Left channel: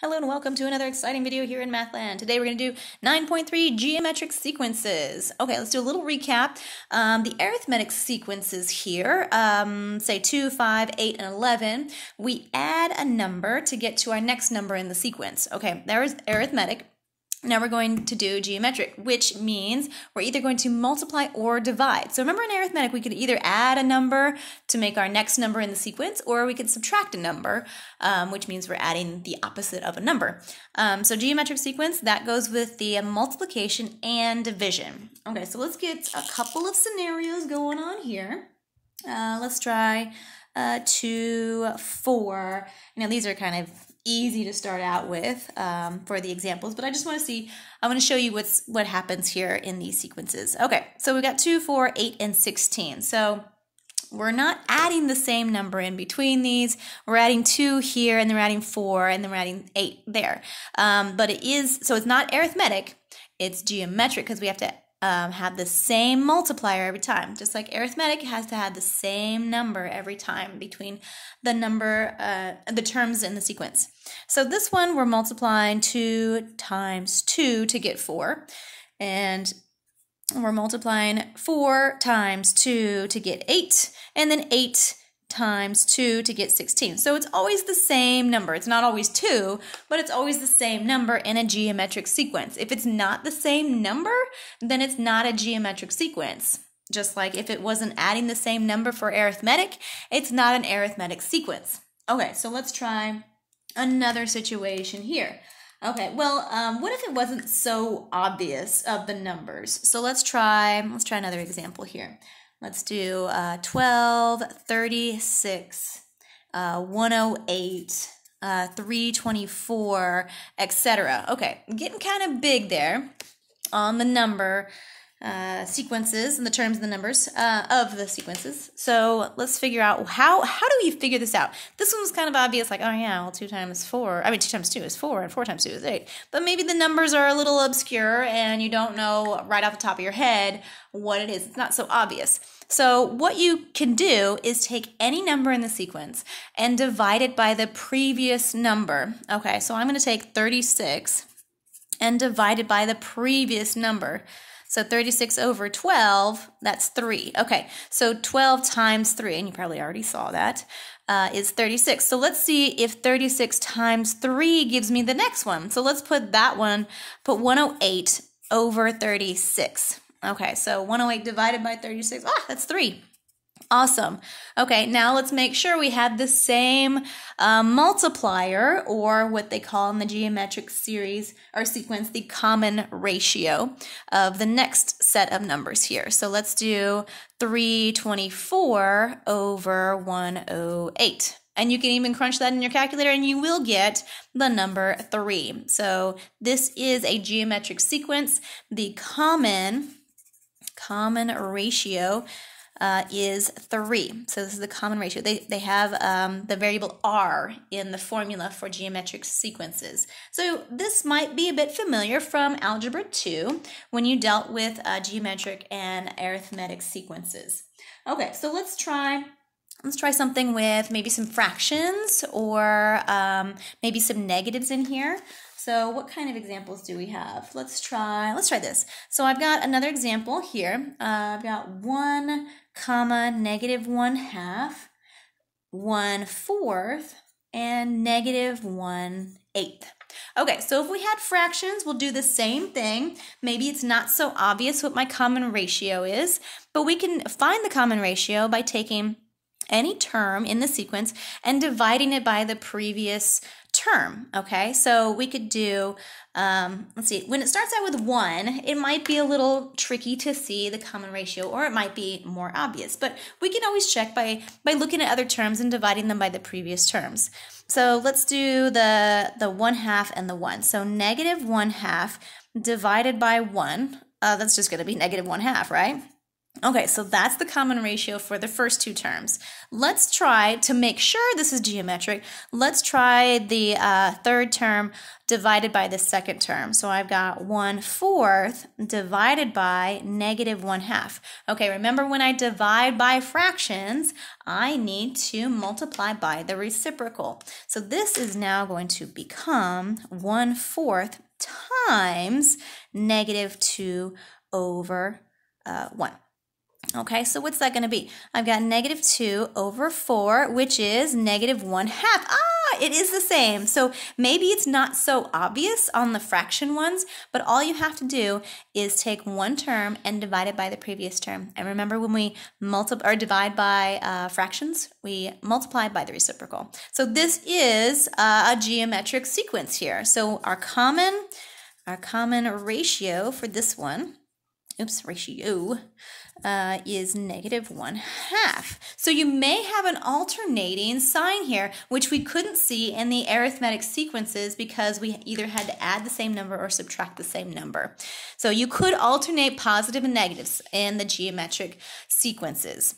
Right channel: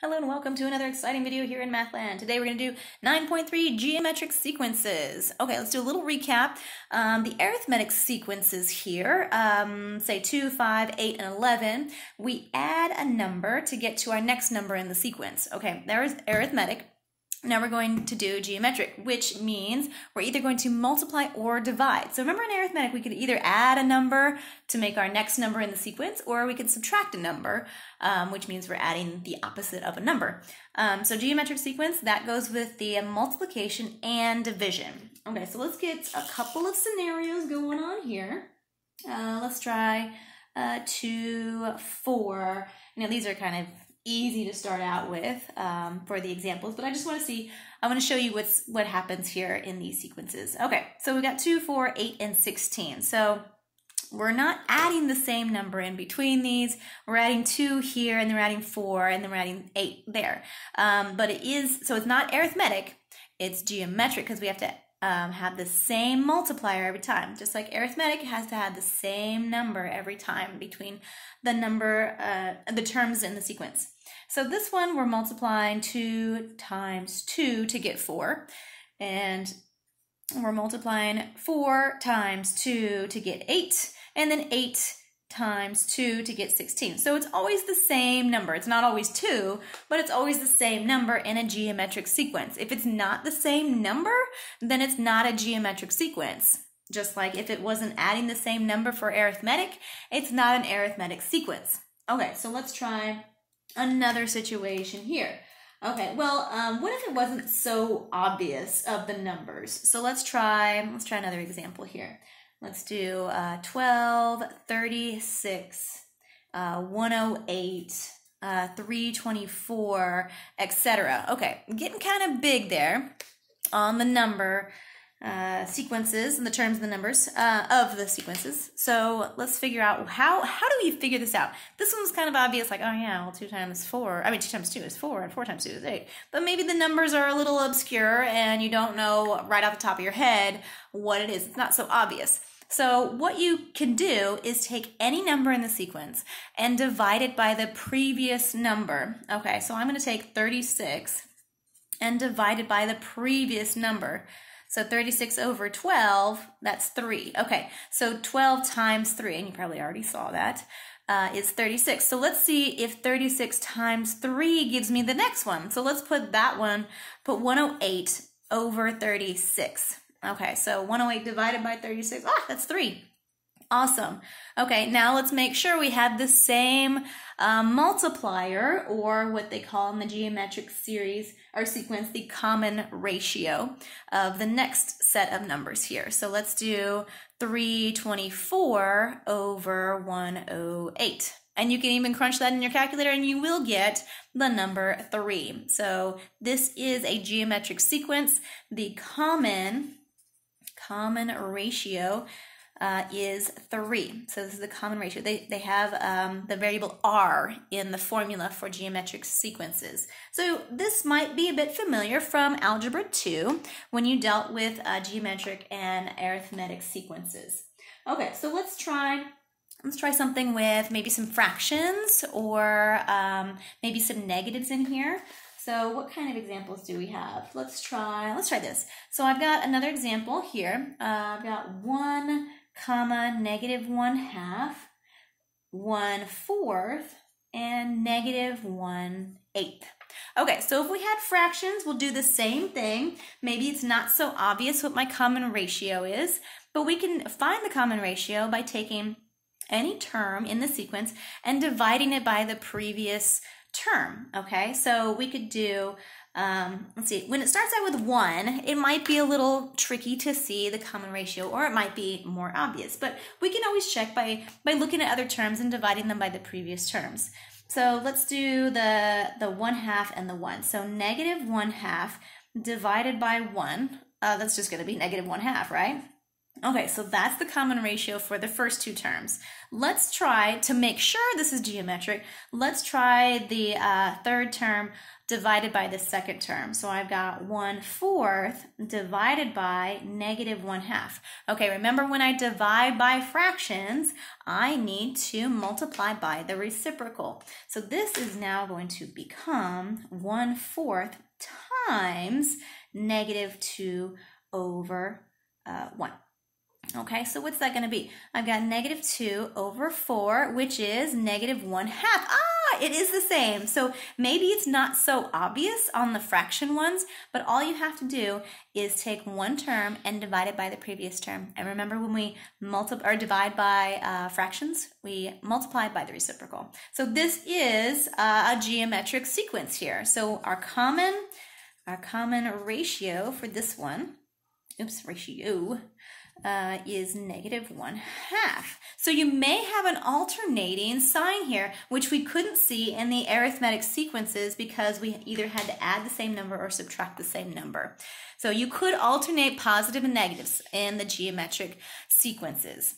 Hello and welcome to another exciting video here in Mathland. Today we're going to do 9.3 geometric sequences. Okay, let's do a little recap. The arithmetic sequences here, say 2, 5, 8, and 11, we add a number to get to our next number in the sequence. Okay, there's arithmetic. Now we're going to do geometric, which means we're either going to multiply or divide. So remember in arithmetic, we could either add a number to make our next number in the sequence, or we could subtract a number, which means we're adding the opposite of a number. So geometric sequence, that goes with the multiplication and division. Okay, so let's get a couple of scenarios going on here. Let's try 2, 4. Now these are kind of easy to start out with for the examples, but I just want to show you what happens here in these sequences. Okay, so we got 2, 4, 8, and 16. So we're not adding the same number in between these. We're adding 2 here, and then we're adding 4, and then we're adding 8 there. But it is, so it's not arithmetic, it's geometric because we have to have the same multiplier every time. Just like arithmetic has to have the same number every time between the number, the terms in the sequence. So this one we're multiplying 2 times 2 to get 4, and we're multiplying 4 times 2 to get 8, and then 8 times 2 to get 16. So it's always the same number. It's not always 2, but it's always the same number in a geometric sequence. If it's not the same number, then it's not a geometric sequence. Just like if it wasn't adding the same number for arithmetic, it's not an arithmetic sequence. Okay, so let's try another situation here. Okay, well, what if it wasn't so obvious of the numbers? So let's try another example here. Let's do 12, 36, 108, 324, etc. Okay, getting kind of big there on the number sequences and the terms of the numbers of the sequences. So let's figure out how do we figure this out? This one was kind of obvious, like, oh yeah, well 2 times 2 is 4 and 4 times 2 is 8. But maybe the numbers are a little obscure and you don't know right off the top of your head what it is. It's not so obvious. So what you can do is take any number in the sequence and divide it by the previous number. Okay, so I'm going to take 36 and divide it by the previous number. So 36 over 12, that's 3. Okay, so 12 times 3, and you probably already saw that, is 36. So let's see if 36 times 3 gives me the next one. So let's put that one, put 108 over 36. Okay, so 108 divided by 36, that's 3. Awesome. Okay, now let's make sure we have the same multiplier, or what they call in the geometric series or sequence, the common ratio of the next set of numbers here. So let's do 324 over 108. And you can even crunch that in your calculator and you will get the number 3. So this is a geometric sequence. The common ratio is 3. So this is the common ratio. They have the variable r in the formula for geometric sequences. So this might be a bit familiar from Algebra 2 when you dealt with geometric and arithmetic sequences. Okay, so let's try something with maybe some fractions or maybe some negatives in here. So what kind of examples do we have? Let's try this. So I've got another example here. I've got 1 comma negative 1/2, 1/4, and negative 1/8. Okay, so if we had fractions, we'll do the same thing. Maybe it's not so obvious what my common ratio is, but we can find the common ratio by taking any term in the sequence and dividing it by the previous term. Okay, so we could do, let's see, when it starts out with 1, it might be a little tricky to see the common ratio, or it might be more obvious, but we can always check by looking at other terms and dividing them by the previous terms. So let's do the 1/2 and the 1. So negative 1/2 divided by 1, that's just going to be negative 1/2, right? Okay, so that's the common ratio for the first two terms. Let's try to make sure this is geometric. Let's try the third term divided by the second term. So I've got 1/4 divided by -1/2. Okay, remember when I divide by fractions, I need to multiply by the reciprocal. So this is now going to become 1/4 times -2/1. Okay, so what's that going to be? I've got -2/4, which is -1/2. It is the same. So maybe it's not so obvious on the fraction ones, but all you have to do is take one term and divide it by the previous term. And remember, when we divide by fractions, we multiply by the reciprocal. So this is a geometric sequence here. So our common ratio for this one, ratio, is -1/2. So you may have an alternating sign here, which we couldn't see in the arithmetic sequences because we either had to add the same number or subtract the same number. So you could alternate positive and negatives in the geometric sequences.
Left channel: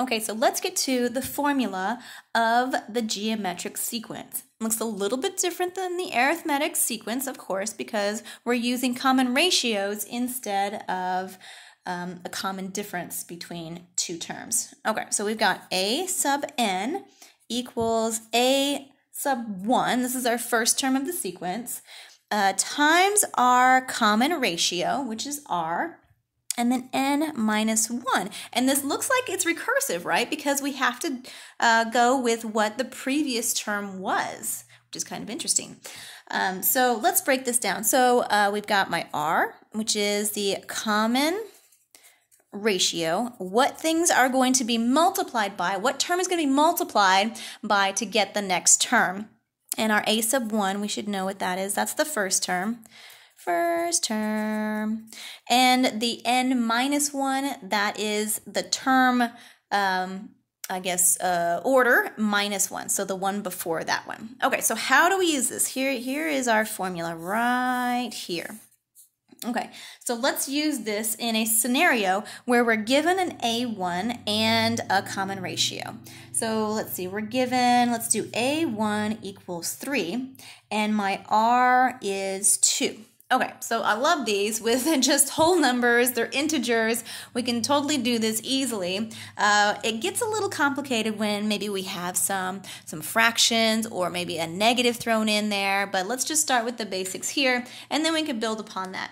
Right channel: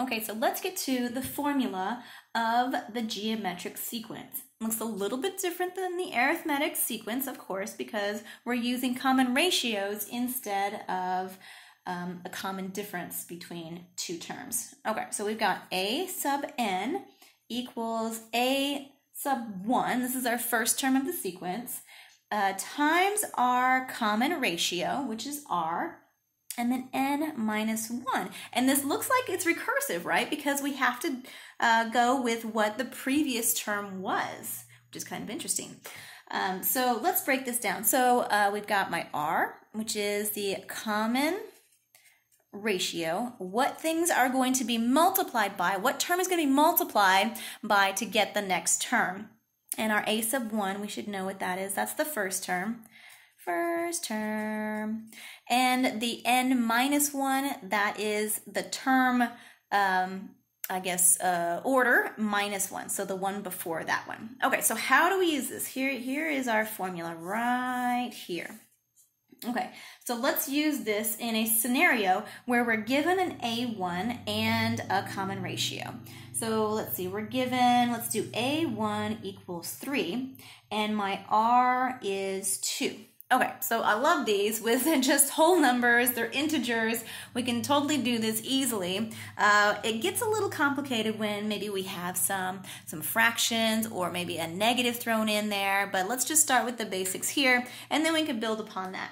Okay, so let's get to the formula of the geometric sequence. It looks a little bit different than the arithmetic sequence, of course, because we're using common ratios instead of a common difference between two terms. Okay, so we've got a sub n equals a sub 1, this is our first term of the sequence, times our common ratio, which is r, and then n minus 1. And this looks like it's recursive, right? Because we have to go with what the previous term was, which is kind of interesting. So let's break this down. So we've got my r, which is the common ratio, what things are going to be multiplied by, what term is going to be multiplied by to get the next term. And our a sub 1, we should know what that is. That's the first term. And the n minus 1, that is the term, order minus 1. So the one before that one. Okay, so how do we use this? Here is our formula right here. Okay, so let's use this in a scenario where we're given an A1 and a common ratio. So let's see, let's do A1 equals 3, and my R is 2. Okay, so I love these with just whole numbers, they're integers. We can totally do this easily. It gets a little complicated when maybe we have some fractions or maybe a negative thrown in there, but let's just start with the basics here, and then we can build upon that.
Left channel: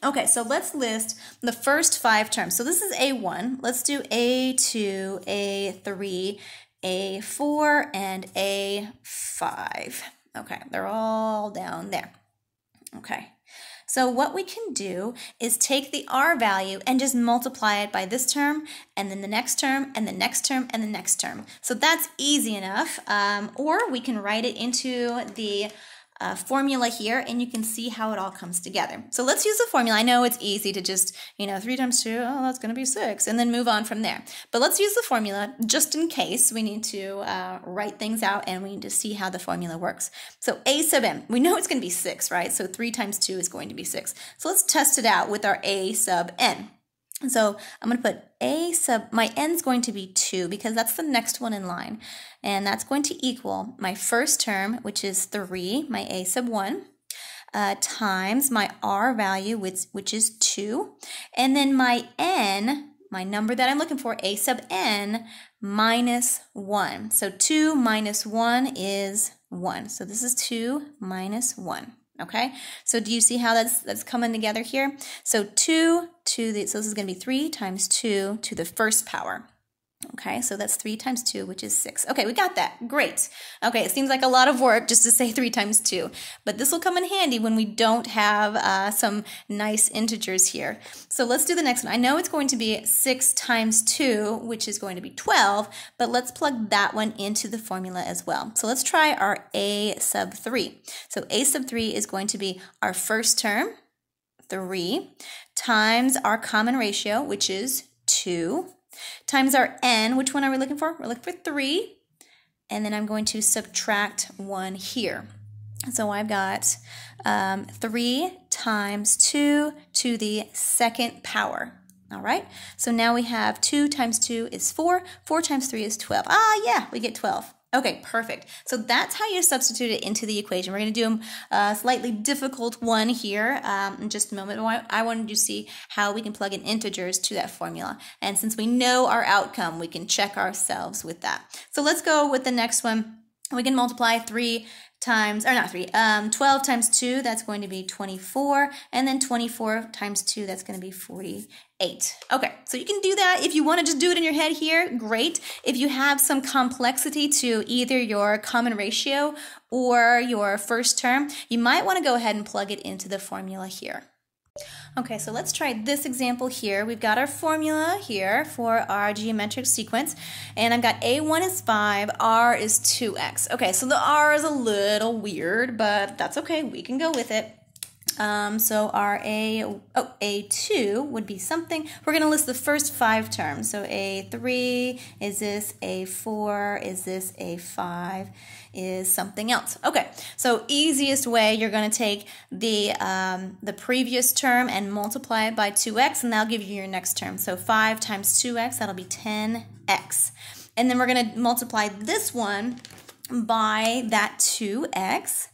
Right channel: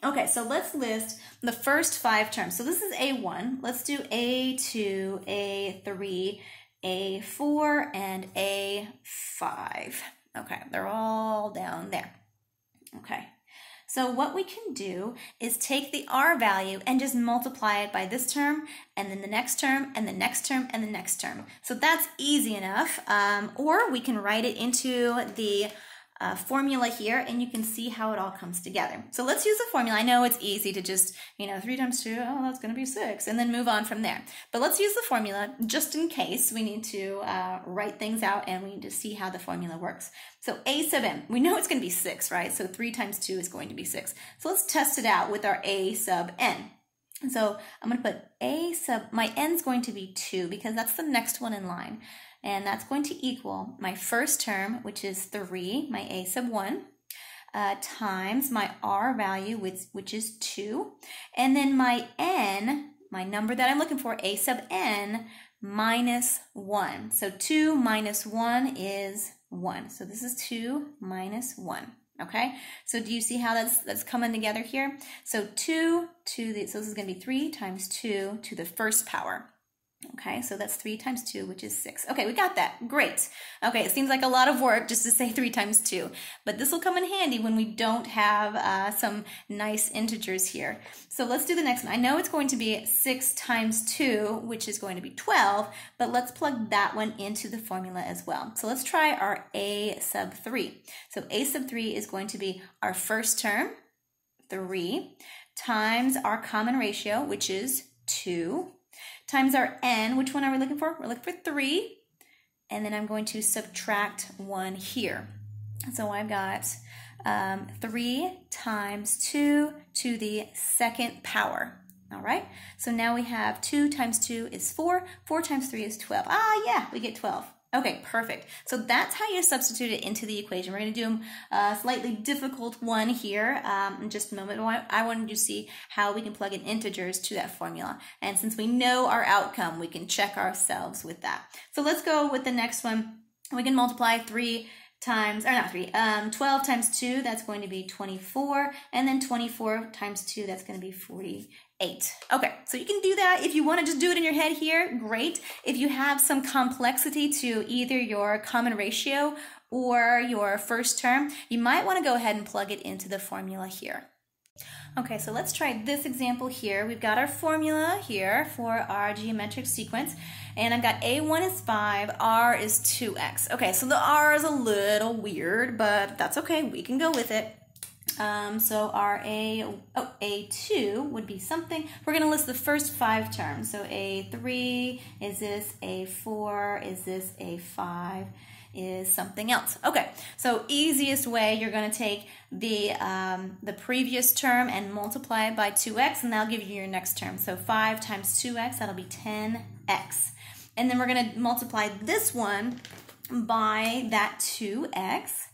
Okay, so let's list the first 5 terms. So this is A1. Let's do A2, A3, A4, and A5. Okay, they're all down there. Okay, so what we can do is take the R value and just multiply it by this term, and then the next term, and the next term, and the next term. So that's easy enough. Or we can write it into the formula here, and you can see how it all comes together. So let's use the formula. I know it's easy to just, 3 times 2, oh, that's going to be 6, and then move on from there. But let's use the formula just in case we need to write things out and we need to see how the formula works. So a sub n, we know it's going to be 6, right? So 3 times 2 is going to be 6. So let's test it out with our a sub n. So I'm going to put my n is going to be 2 because that's the next one in line. And that's going to equal my first term, which is 3, my a sub 1, times my r value, which is 2. And then my n, my number that I'm looking for, a sub n, minus 1. So 2 minus 1 is 1. So this is 2 minus 1. Okay, so do you see how that's coming together here? So so this is going to be 3 times 2 to the first power. Okay, so that's 3 times 2, which is 6. Okay, we got that. Great. Okay, it seems like a lot of work just to say 3 times 2, but this will come in handy when we don't have some nice integers here. So let's do the next one. I know it's going to be 6 times 2, which is going to be 12, but let's plug that one into the formula as well. So let's try our a sub 3. So a sub 3 is going to be our first term, 3, times our common ratio, which is 2, times our n. Which one are we looking for? We're looking for 3, and then I'm going to subtract 1 here. So I've got 3 times 2 to the second power. All right, so now we have 2 times 2 is 4, 4 times 3 is 12. Ah, yeah, we get 12. Okay, perfect. So that's how you substitute it into the equation. We're going to do a slightly difficult one here in just a moment. I wanted to see how we can plug in integers to that formula. And since we know our outcome, we can check ourselves with that. So let's go with the next one. We can multiply 3 times, or not 3, 12 times 2, that's going to be 24, and then 24 times 2, that's going to be 48. Okay, so you can do that. If you want to just do it in your head here, great. If you have some complexity to either your common ratio or your first term, you might want to go ahead and plug it into the formula here. Okay, so let's try this example here. We've got our formula here for our geometric sequence, and I've got A1 is 5, R is 2x. Okay, so the R is a little weird, but that's okay. We can go with it. So our A2 would be something. We're going to list the first 5 terms. So A3 is this, A4 is this, A5 is something else. Okay, so easiest way, you're going to take the previous term and multiply it by 2x, and that'll give you your next term. So 5 times 2x, that'll be 10x. And then we're going to multiply this one by that 2x,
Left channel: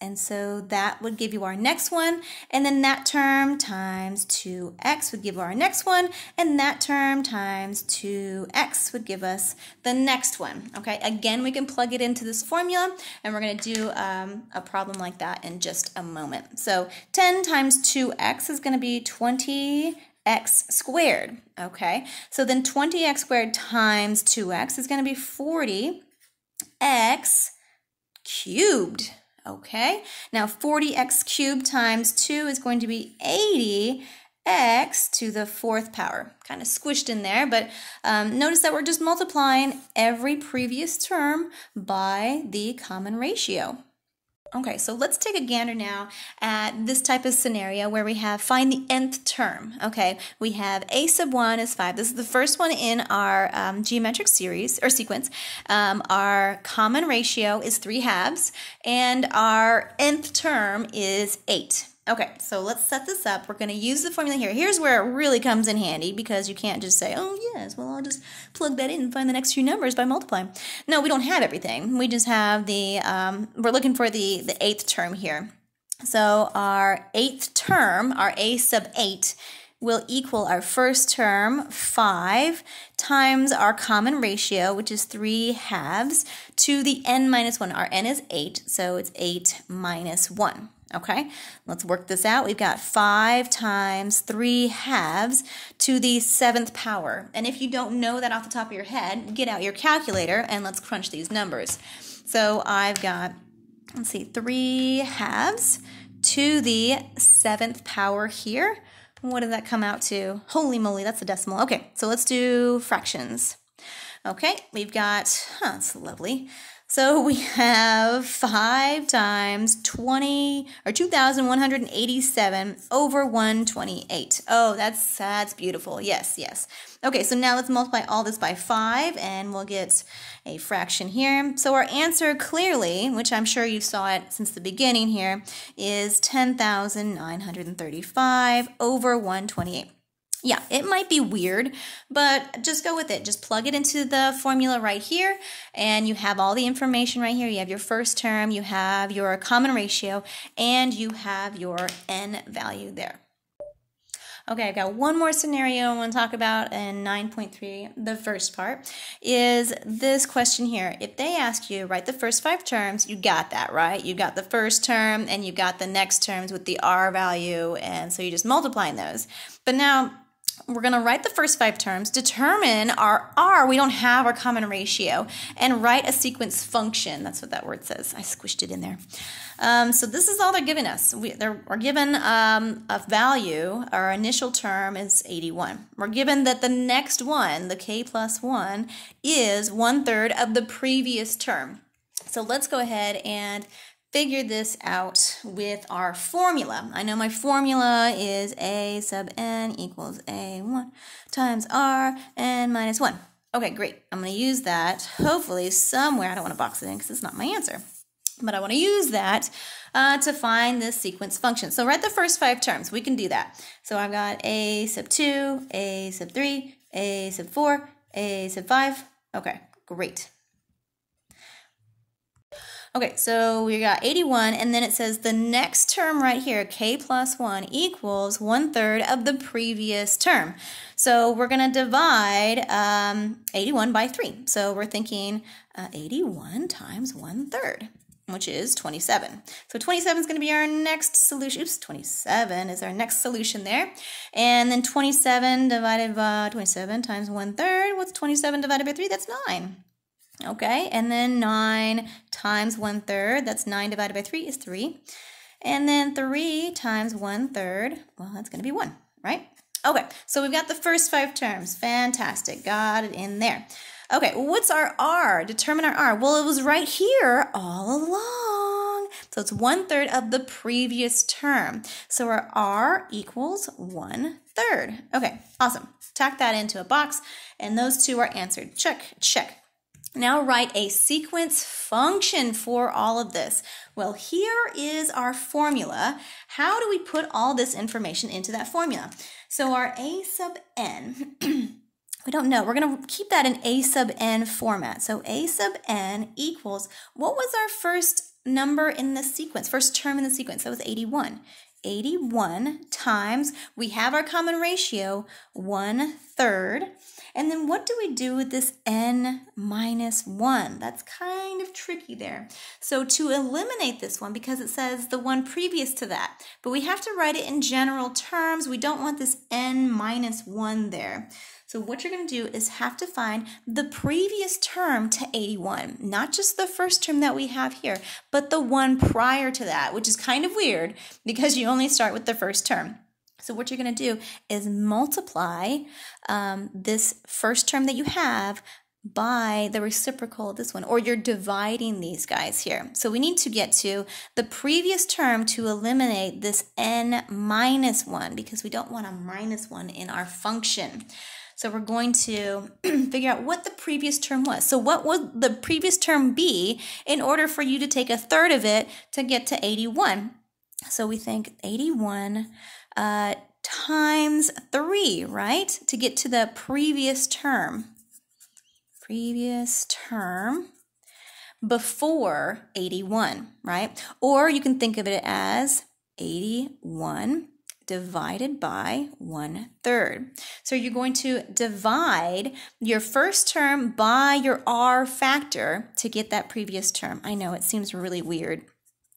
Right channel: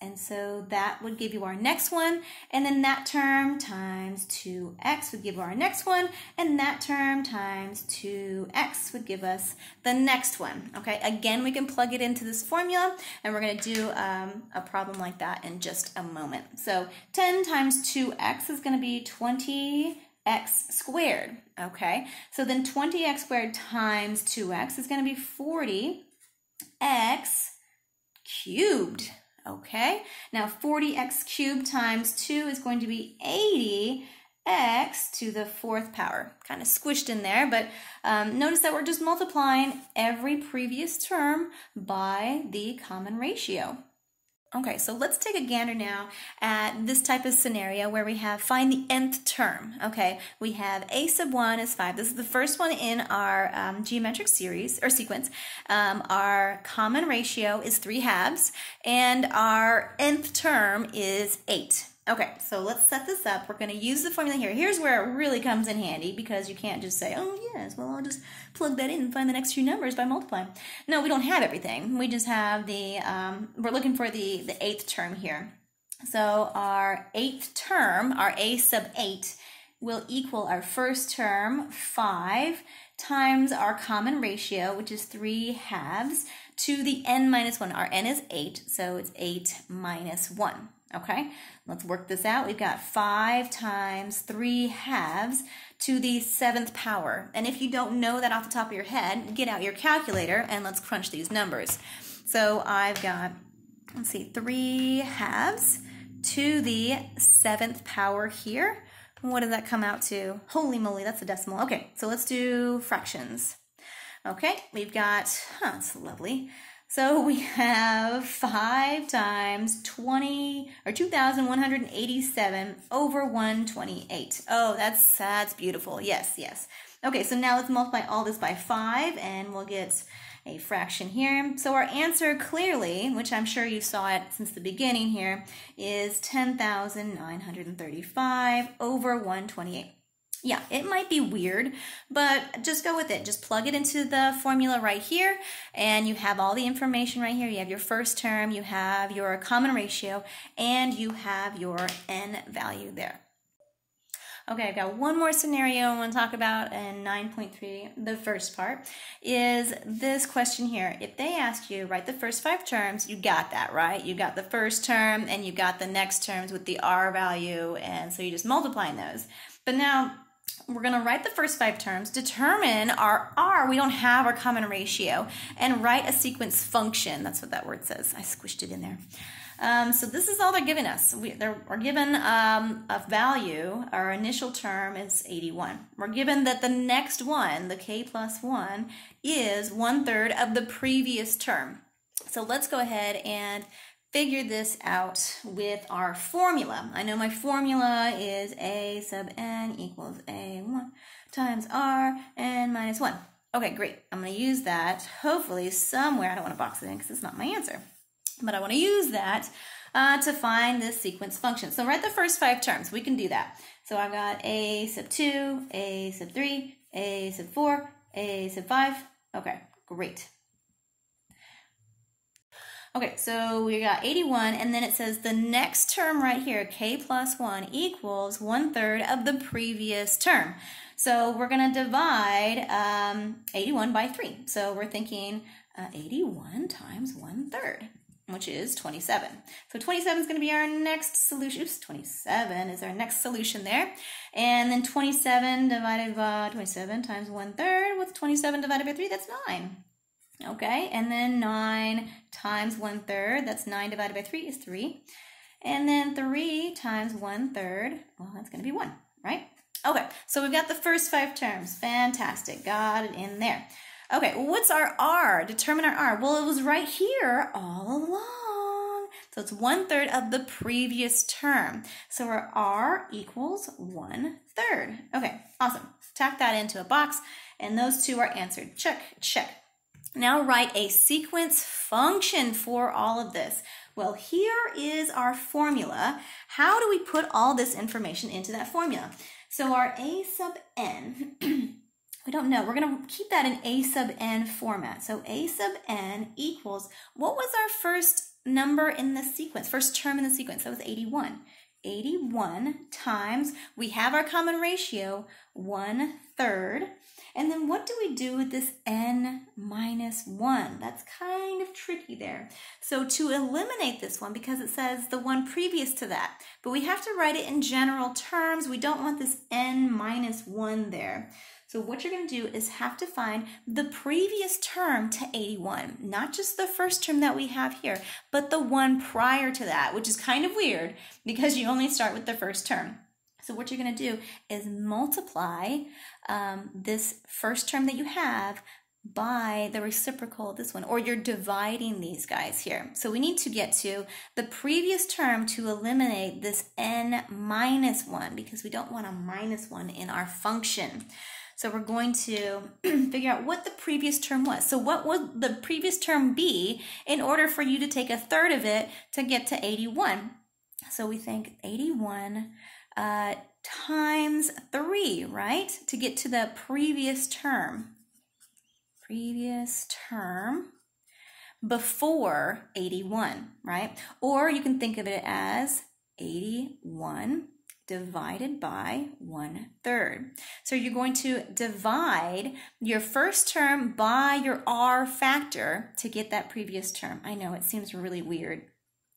and so that would give you our next one, and then that term times 2x would give our next one, and that term times 2x would give us the next one. Okay, again, we can plug it into this formula, and we're going to do a problem like that in just a moment. So 10 times 2x is going to be 20x squared. Okay, so then 20x squared times 2x is going to be 40x cubed. Okay, now 40x cubed times 2 is going to be 80x to the 4th power. Kind of squished in there, but notice that we're just multiplying every previous term by the common ratio. Okay, so let's take a gander now at this type of scenario where we have find the nth term. Okay, we have a sub 1 is 5. This is the first one in our geometric series or sequence. Our common ratio is 3/2, and our nth term is 8. Okay, so let's set this up. We're going to use the formula here. Here's where it really comes in handy, because you can't just say, oh yes, well I'll just plug that in and find the next few numbers by multiplying. No, we don't have everything. We just have the, we're looking for the 8th term here. So our 8th term, our a sub 8, will equal our first term, 5, times our common ratio, which is 3/2, to the n minus 1. Our n is 8, so it's 8 minus 1. Okay, let's work this out. We've got 5 times 3/2 to the 7th power. And if you don't know that off the top of your head, get out your calculator and let's crunch these numbers. So I've got, let's see, 3/2 to the 7th power here. What does that come out to? Holy moly, that's a decimal. Okay, so let's do fractions. Okay, we've got, that's lovely. So we have 5 times 2,187 over 128. Oh, that's beautiful. Yes, yes. Okay, so now let's multiply all this by 5, and we'll get a fraction here. So our answer clearly, which I'm sure you saw it since the beginning here, is 10,935 over 128. Yeah, it might be weird, but just go with it. Just plug it into the formula right here, and you have all the information right here. You have your first term, you have your common ratio, and you have your n value there. Okay, I've got one more scenario I want to talk about in 9.3. The first part is this question here. If they ask you, write the first 5 terms, you got that, right? You got the first term, and you got the next terms with the r value, and so you're just multiplying those. But now, we're going to write the first 5 terms, determine our r, we don't have our common ratio, and write a sequence function. That's what that word says. I squished it in there. So this is all they're giving us. We're given a value. Our initial term is 81. We're given that the next one, the k plus 1, is 1/3 of the previous term. So let's go ahead and figure this out with our formula. I know my formula is a sub n equals a1 times r n minus 1. Okay, great. I'm going to use that hopefully somewhere. I don't want to box it in because it's not my answer. but I want to use that to find this sequence function. So write the first 5 terms. We can do that. So I've got a sub 2, a sub 3, a sub 4, a sub 5. Okay, great. Okay, so we got 81, and then it says the next term right here, k plus 1, equals 1/3 of the previous term. So we're going to divide 81 by 3. So we're thinking 81 times 1/3, which is 27. So 27 is going to be our next solution. Oops, 27 is our next solution there. And then 27 divided by 27 times 1/3. What's 27 divided by 3? That's 9. Okay, and then 9 times 1/3, that's 9 divided by 3 is 3. And then 3 times 1/3, well, that's going to be 1, right? Okay, so we've got the first 5 terms. Fantastic, got it in there. Okay, what's our R? Determine our R. Well, it was right here all along. So it's 1/3 of the previous term. So our R equals 1/3. Okay, awesome. Tack that into a box, and those two are answered. Check, check. Now write a sequence function for all of this. Well, here is our formula. How do we put all this information into that formula? So our a sub n, we don't know. We're going to keep that in a sub n format. So a sub n equals, what was our first number in the sequence, first term in the sequence? That was 81. 81 times, we have our common ratio, 1/3. And then what do we do with this n minus 1? That's kind of tricky there. So to eliminate this one, because it says the one previous to that, but we have to write it in general terms. We don't want this n minus 1 there. So what you're going to do is have to find the previous term to 81, not just the first term that we have here, but the one prior to that, which is kind of weird because you only start with the first term. So what you're going to do is multiply this first term that you have by the reciprocal of this one, or you're dividing these guys here. So we need to get to the previous term to eliminate this n minus 1 because we don't want a minus 1 in our function. So we're going to figure out what the previous term was. So what would the previous term be in order for you to take 1/3 of it to get to 81? So we think 81 times 3, right? To get to the previous term. Previous term before 81, right? Or you can think of it as 81 divided by 1/3. So you're going to divide your first term by your R factor to get that previous term. I know it seems really weird,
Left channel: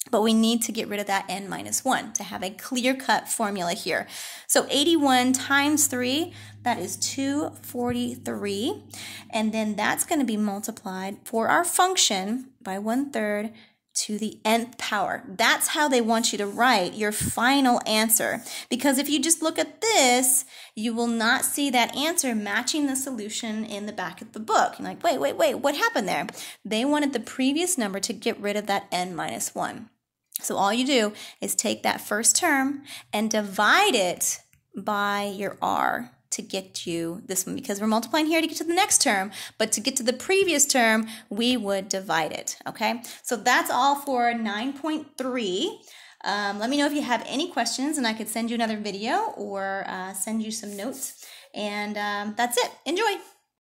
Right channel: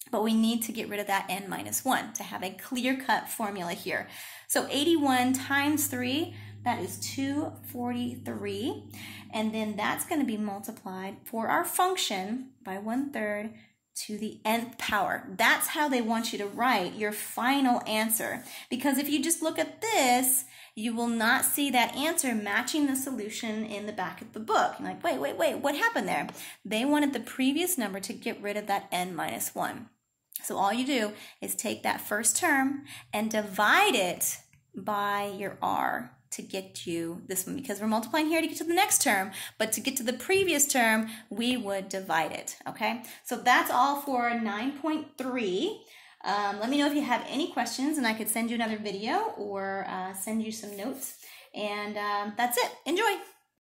but we need to get rid of that n minus 1 to have a clear-cut formula here. So 81 times 3, that is 243. And then that's going to be multiplied for our function by 1/3 to the nth power. That's how they want you to write your final answer. Because if you just look at this, you will not see that answer matching the solution in the back of the book. You're like, wait, what happened there? They wanted the previous number to get rid of that n minus 1. So all you do is take that first term and divide it by your R to get you this one, because we're multiplying here to get to the next term, but to get to the previous term, we would divide it, okay? So that's all for 9.3. Let me know if you have any questions, and I could send you another video or send you some notes. And that's it. Enjoy!